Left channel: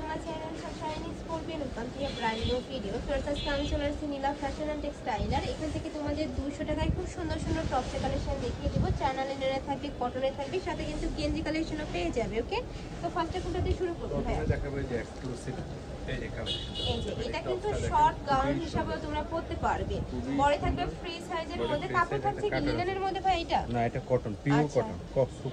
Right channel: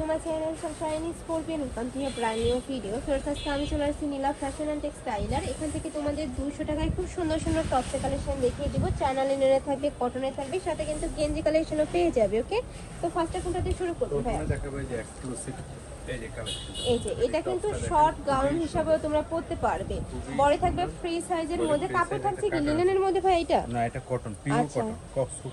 সবসময় মিস করবে নতুন কোনো ব্র্যান্ড নিউ ভিডিও তোর কাছে আমি চলে আসছি নীলা ফ্যাশন অ্যান্ড টেক্সটাইলার এখান থেকে তোমাদের দুশো টাকায় খুব সুন্দর সুন্দর টপসের কালেকশন দেখিয়ে দেবো। চ্যানেলে নেড়ে থাকবে কটনে থাকবে সাথে কিন্তু গেঞ্জি কালেকশনও পেয়ে যাবে ওকে তো ফার্স্টটা কোনটা দিয়ে শুরু করতে হয়? প্রথমে দেখাবো যে এক্সক্লুসিভ এই যে কালেকশন এই যে এটা কিন্তু শর্ট গাউন হিসাবেও তোমরা পরতে পারবে। বড় থাকবে ফ্রি সাইজের মধ্যে কাপড় থাকছে। লিনেনের মধ্যে ভাই এটা না এটা cotton pure. Cotton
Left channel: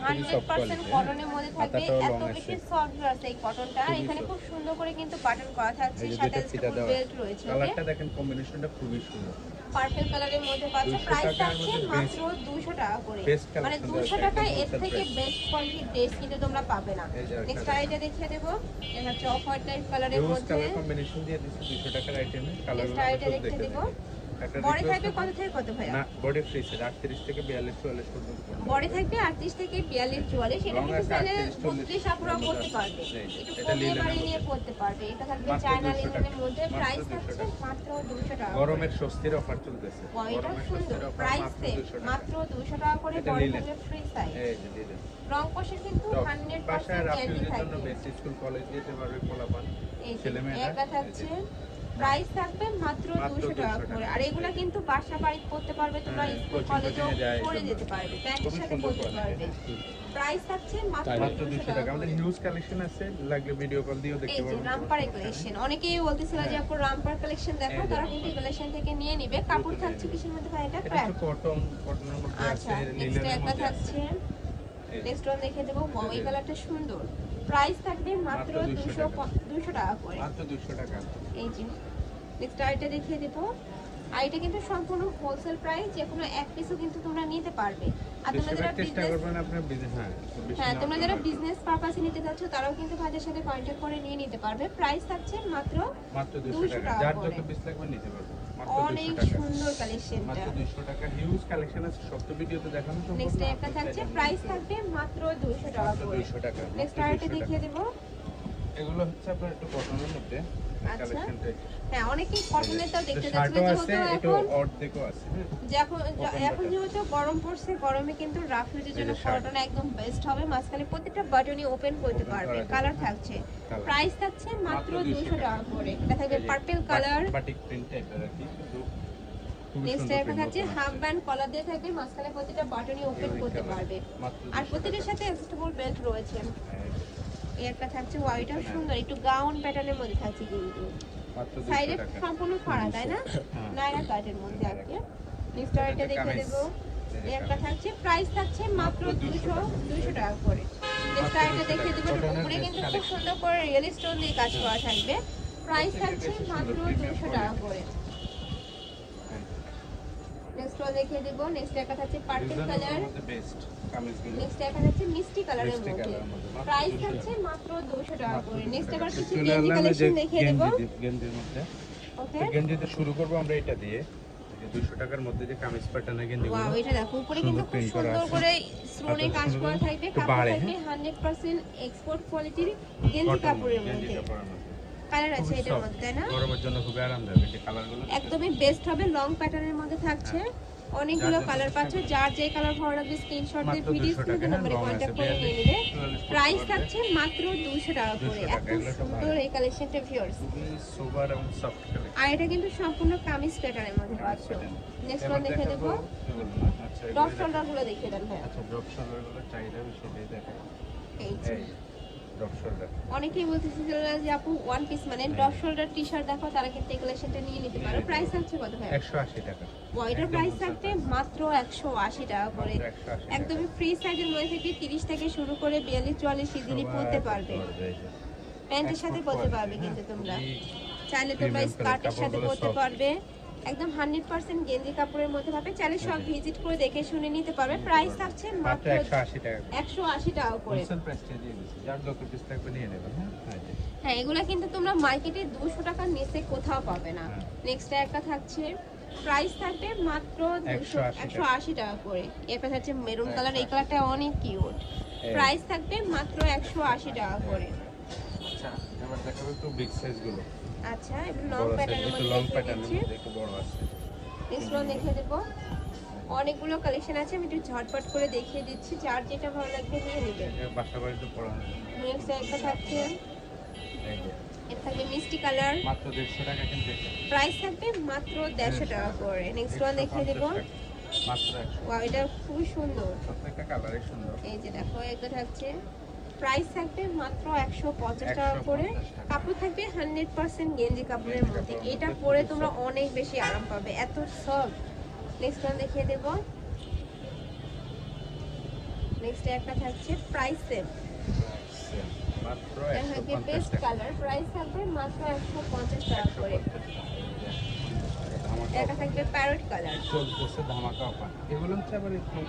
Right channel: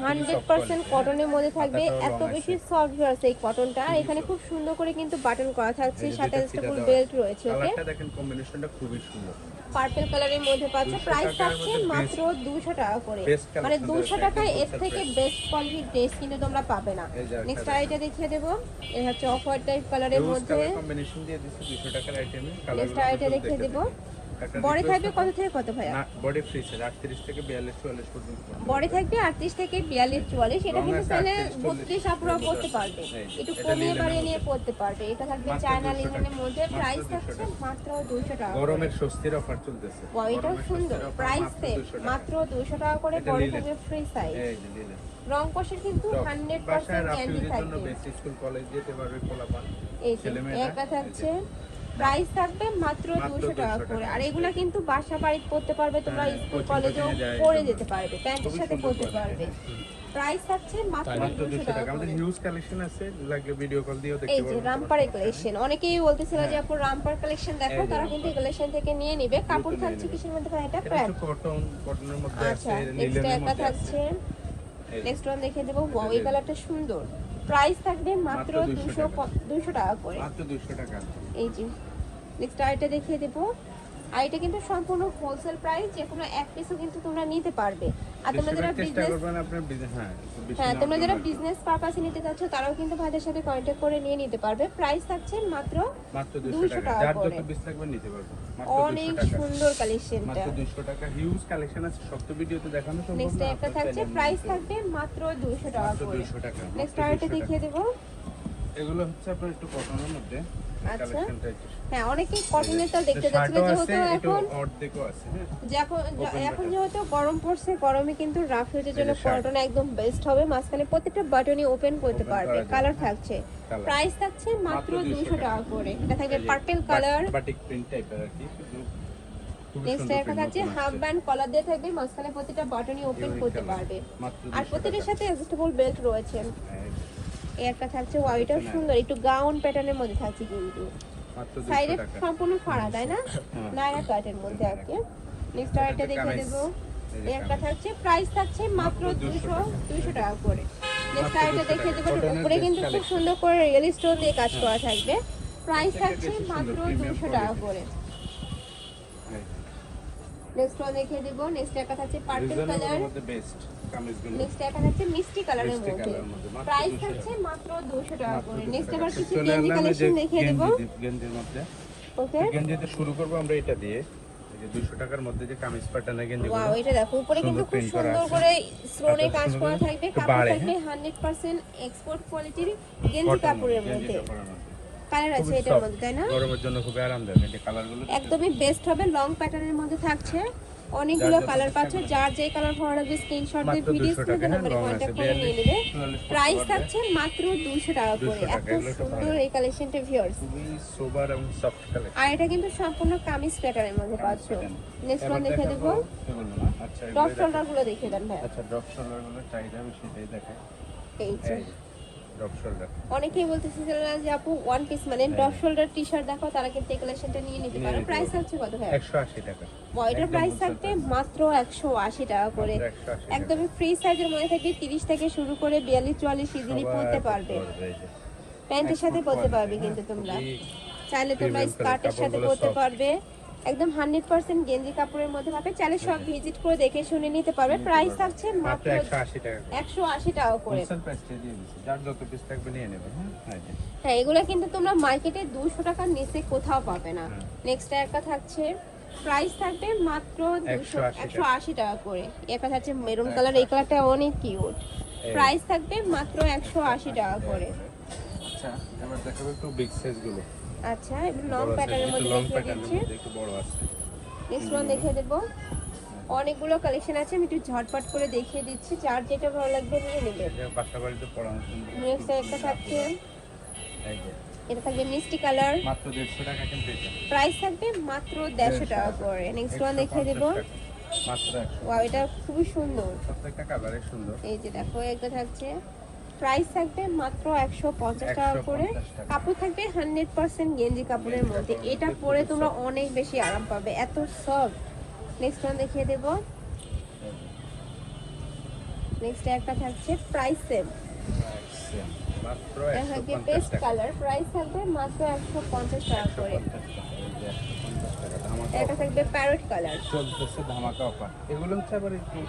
hundred percent কটনের মধ্যে থাকবে এত বেশি সফট আছে এই কটনটা এখানে খুব সুন্দর করে কিন্তু বাটন করা থাকছে সাথে ফুল বেল্ট রয়েছে কালারটা দেখেন কম্বিনেশনটা খুবই সুন্দর। পার্পল কালারের মধ্যে পাচ্ছ 200 প্রাইস থাকছে মাত্র 200 টাকা করে। মানে collection 200 টাকায় এর থেকে বেস্ট কোয়ালিটির ড্রেস কিন্তু তোমরা পাবে না। নেক্সট। আইটা দেখিয়ে দেবো। এই হচ্ছে অফ হোয়াইট টাইপ কালারের মধ্যে। কালার কম্বিনেশন দিয়ে দিচ্ছি 200 টাকার আইটেমে কালার দেখিয়ে দেবো। একটা বড় থাকবে কত থেকে কত ভাইয়া? না বডি ফ্রি সাইজ 38 থেকে 42 44 পর্যন্ত বড় থাকবে আটত্রিশ থেকে বিয়াল্লিশ চুয়াল্লিশ এটা রং কিন্তু তাহলে 38, 40 বত্রিশ আপুরা এর মধ্যে পড়তে আছে। পারবে একটু কমে করে নিয়ে মধ্যে। পারবে। এটা থাকবে চায়না 200 মধ্যে প্রাইস থাকছে মাত্র দুশো টাকা গরমের স্বস্তির অফার চলতেছে। Wow, এটা সুন্দর। প্রাইস মাত্র 200 টাকা। মাত্র দুশো টাকা করে এটা বড় লিলেন। থাকবে ফ্রি সাইজ এই যে লিলেন রং কিন্তু তো হান্ড্রেড বাসায় পার্সেন্ট গ্যারান্টি রাফিউজের জন্য বেসিক স্কুল কলেজ যেতে পারবে পোলাপান এই যে এটা থাকছে। প্রাইস থাকবে মাত্র দুশো টাকা করে। আর এগুলা কিন্তু বাসা বাড়ি করতে পারবে তোমরা হ্যাঁ, স্কুল কলেজে পরে যেতে পারবে প্যান্টের সাথে পরতে পারবে। প্রাইস থাকছে মাত্র মাত্র দুশো টাকা। আমাদের হিউজ কালেকশন আছে লাগলে ভিডিও কল দিয়েও এই যে রামপার কালেকশন অনেকেই বলতেছিল যে আপু রামপার কালেকশন দেখো তারা কিন্তু কালেকশন থেকে নিয়ে নিবে। কাপড় থাকছে কিসের মধ্যে ভাই? এটা এটা প্যান্ট। কটন কটনের মধ্যে আছে আচ্ছা নেক্সট লিলেনের একটা মধ্যে আছে। থাকছে। নেক্সট ওয়ান দেখে দেবো। এই কালারটা সুন্দর। প্রাইস থাকবে মাত্র মাত্র 200 দুশো টাকা। টাকা করে। মাত্র দুশো টাকা। এই যে নেক্সট আইটা দেখিয়ে দেবো। আর এটা কিন্তু সম্পূর্ণ হোলসেল প্রাইস যে কোনো এক পিসও কিন্তু তোমরা নিতে পারবে। তোমরা যারা বিজনেস পারপাসে নিতে চাচ্ছ তারাও কিন্তু ভাইদের সাথে কন্ট্যাক্ট করে নিয়ে নিতে পারবে। প্রাইস থাকছে মাত্র দুশো টাকা। অনেক সুন্দর কালেকশনটা দুশো টাকা। হিউজ কালেকশন আছে। সব তো ভিডিওতে দেখানো সম্ভব নেক্সট একটা থাকছে প্রাইস থাকবে মাত্র দুশো টাকা মাত্র দুশো টাকা নেক্সট আরেকটা দেখিয়ে দেবো। এগুলো হচ্ছে আপনার একটু কটনের মধ্যে। কালেকশনটা একটু হ্যাঁ অনেকেই কটনেরটাও দেখতে যাচ্ছিল আছে একটু অর্ধেকও আছে হ্যাঁ? যখন এখন যেহেতু গরম পড়ছে গরমে কিন্তু রাফ হয়ে জন্য। কটন একদম বেস্ট হবে মাঝখানে প্রত্যেকটা বাটনই ওপেন করতে পারবে। কালার হ্যাঁ। থাকছে। প্রাইস থাকছে মাত্র মাত্র 200 দুশো টাকা। করে। এটা থাকবে পার্পল কালার বাটিক প্রিন্ট টাইপের আর কি হাফ ব্যান্ড কলার দিয়ে থাকবে মাঝখানে প্রতিটা বাটনই ওপেন করতে পারবে। আর 200 প্রতিটার সাথে অ্যাডজাস্টেবল বেল্ট রয়েছে। এই একটা থাকছে ওয়াইটা সুন্দর একটু গাউন প্যাটার্নের মধ্যে থাকছে কিন্তু। সাইডে সম্পূর্ণ ফাড়া তাই না। নায়রা কাটের মধ্যে কি। নেক্সট আরেকটা দেখে। দেবো। এই একটা থাকছে প্রাইস থাকছে মাত্র মাত্র 200 দুশো টাকা। দুশো টাকা করে। নেক্সট 200 দেখে। দেবো। উপরে কিন্তু খুব সুন্দর করে রিয়েল স্টোন দিয়ে কাজ করা থাকবে। প্রাইস থাকছে মাত্র সুন্দর, premium দুশো টাকা করে। নেক্সট দেখে দেবো। নেক্সট একটা থাকছে পার্পল কালার মধ্যে কামিজগুলো। নেক্সট একটা থাকছে মিষ্টি কালারের মধ্যে। কালারের মধ্যে, মাত্র প্রাইস থাকছে মাত্র দুশো টাকা করে। নেক্সট এবার কিছু গেঞ্জি আসলাম এই যে কালেকশন দেখিয়ে দেবো। গেঞ্জির মধ্যে। ওকে গেঞ্জিতে শুরু করব আমরা এটা দিয়ে। যে 200 টাকার মধ্যে যে কামিজ প্যাটার্নের গেঞ্জিগুলো ওয়াও এটা দেখো উপরে কিন্তু খুব করা সুন্দর করে স্টোনে কাজ করা থাকবে। কাপড় থাকবে 100% এক্সপোর্ট কোয়ালিটির গেঞ্জি কাপড়ের গেঞ্জি মধ্যে। কাপড়ের মধ্যে। কালার আছে এটার মধ্যে তাই না? গরমের জন্য খুবই আরামদায়ক এই কালারগুলো একদমই বেস্ট হবে লং প্যাটার্নের মধ্যে থাকছে। অনেকগুলো কালার পাচ্ছে যার যে কালার ভালো লাগবে স্ক্রিনশট দিয়ে ভিডিও 200 লং আছে নিয়ে 42 নেবে প্রাইস থাকছে মাত্র 200 টাকা করে। 200 এত সুন্দর এই কালেকশনটা ভিউয়ার্স সোবার এবং সফট কালার আর এটা কিন্তু সম্পূর্ণ কামিজ প্যাটার্নের মধ্যে পাচ্ছ। নেক্সট ওয়ান দেখে দেবো আচ্ছা এগুলো শোল্ডারগুলো দেখিয়ে দেন ভাই। আচ্ছা ড্রপ শোল্ডারগুলো চাহিদা সেটাই যে। এই ড্রপ শোল্ডার অনেকেই বলতেছে যে আপু ওয়ান পিস মানে টপ শোল্ডার টি শার্ট দেখো তারা কিন্তু এই কালেকশনটা নিয়ে নিতে পারে প্রাইস হচ্ছে কত ভাই একশো আশি টাকা। ওয়াইটার একদম প্রাইস থাকবে মাত্র একশো আশি টাকা করে। 180। একদমই ফ্রি সাইজের মধ্যে থাকবে তিরিশ থেকে শুরু করে বিয়াল্লিশ চুয়াল্লিশ ইজিলি সবাই পরতে পারবে। প্যান্টের সাথে পরতে পারবে কিন্তু তোমরা। চাইলে তোমরা স্কার্টের সাথে পরতে পারবে। একদম হান্ড্রেড পার্সেন্ট গেঞ্জি কাপড়ের মধ্যে পাবে। চাইলে সব ভিজিট করে দেখে শুনে নিতে পারবে। প্রাইস থাকছে মাত্র একশো আশি টাকা একশো আশি টাকা করে। যার যত পিস থাকবে নিয়ে নেবেন হ্যাঁ হ্যাঁ এগুলো কিন্তু তোমরা মার্কেটে দুশো টাকার নিচে কোথাও পাবে না। হ্যাঁ। নেক্সট একটা থাকছে। প্রাইস থাকবে মাত্র 180 একশো আশি টাকা। করে। একটা থাকছে মেরুন হ্যাঁ, কালার। এই কালারটা অনেক কিউট। প্রাইস থাকবে মাত্র একশো আশি টাকা করে। আচ্ছা এবার দেখাবো একটু বিগ সাইজ আচ্ছা লং প্যাটার্নের মধ্যে লং প্যাটার্নের মধ্যে একটু বড় আছে। নেক্সট ওয়ান দেখে দেবো। অনেকগুলো কালেকশন আছে আমি একটু ঝটপট করে দেখিয়ে দিচ্ছি। যার যেটা ভালো লাগবে নিয়ে নেবে। এই বাসা বাড়িতে পড়ানো নেক্সট একটা থাকছে। এটা থাকবে মিষ্টি কালার মাত্র দেড়শো টাকা কিন্তু এটা প্রাইস থাকবে মাত্র দেড়শো টাকা করে। নেক্সট ওয়ান দেখিয়ে 150 দেবো। মাত্র একশো। ওয়াও এটা খুবই সুন্দর। প্রত্যেকটা কালারে সুন্দর। এই যে দেখো এটা থাকছে। প্রাইস থাকবে মাত্র একশো পঞ্চাশ টাকা করে। কাপড় থাকবে হান্ড্রেড পার্সেন্ট গেঞ্জি কাপড়ের মধ্যে। এটা পরে তোমরা অনেক বেশি আরাম পাবে। এত সফট নেক্সট ওয়ান দেখিয়ে দেবো। নেক্সট একটা থাকছে প্রাইস পঞ্চাশ বেস্ট টাকা। কালার প্রাইস থাকবে মাত্র একশো পঞ্চাশ টাকা করে। এটা থাকবে প্যারট কালার চলতেছে ধামাকা অফার এগুলো হচ্ছে আবার একটু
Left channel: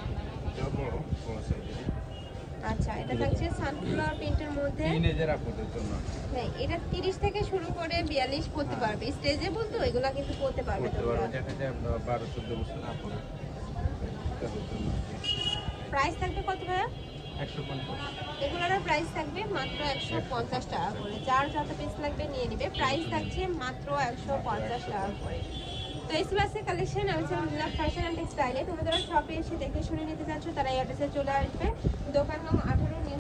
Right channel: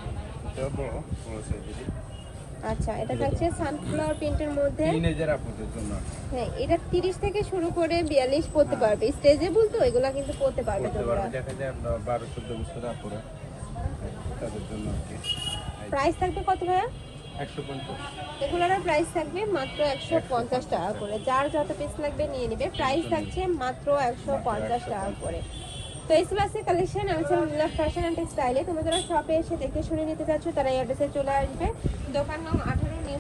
আচ্ছা এটা থাকছে সানফ্লাওয়ার প্রিন্টের মধ্যে। টিনেজার আপনাদের জন্য। হ্যাঁ এটা তিরিশ থেকে শুরু করে বিয়াল্লিশ পড়তে পারবে। স্টেজেবল তো এগুলা কিন্তু পড়তে পারবে তোমরা। পারব দেখা যায় আমরা বারো চোদ্দ বছর অপরে তাদের জন্য প্রাইস থাকবে কত ভাইয়া? একশো পঞ্চাশ। এগুলোর প্রাইস থাকবে মাত্র একশো পঞ্চাশ টাকা করে। যার যত পিস লাগবে নিয়ে নিবে। প্রাইস থাকছে মাত্র একশো পঞ্চাশ টাকা করে। তো এই ক্লাসের কালেকশন আমি ছিলাম ফ্যাশন অ্যান্ড টেক্সটাইলে তোমরা যারা শপে এসে দেখে শুনে নিতে চাচ্ছ, তারা এই অ্যাড্রেসে চলে আসবে। দোকান নাম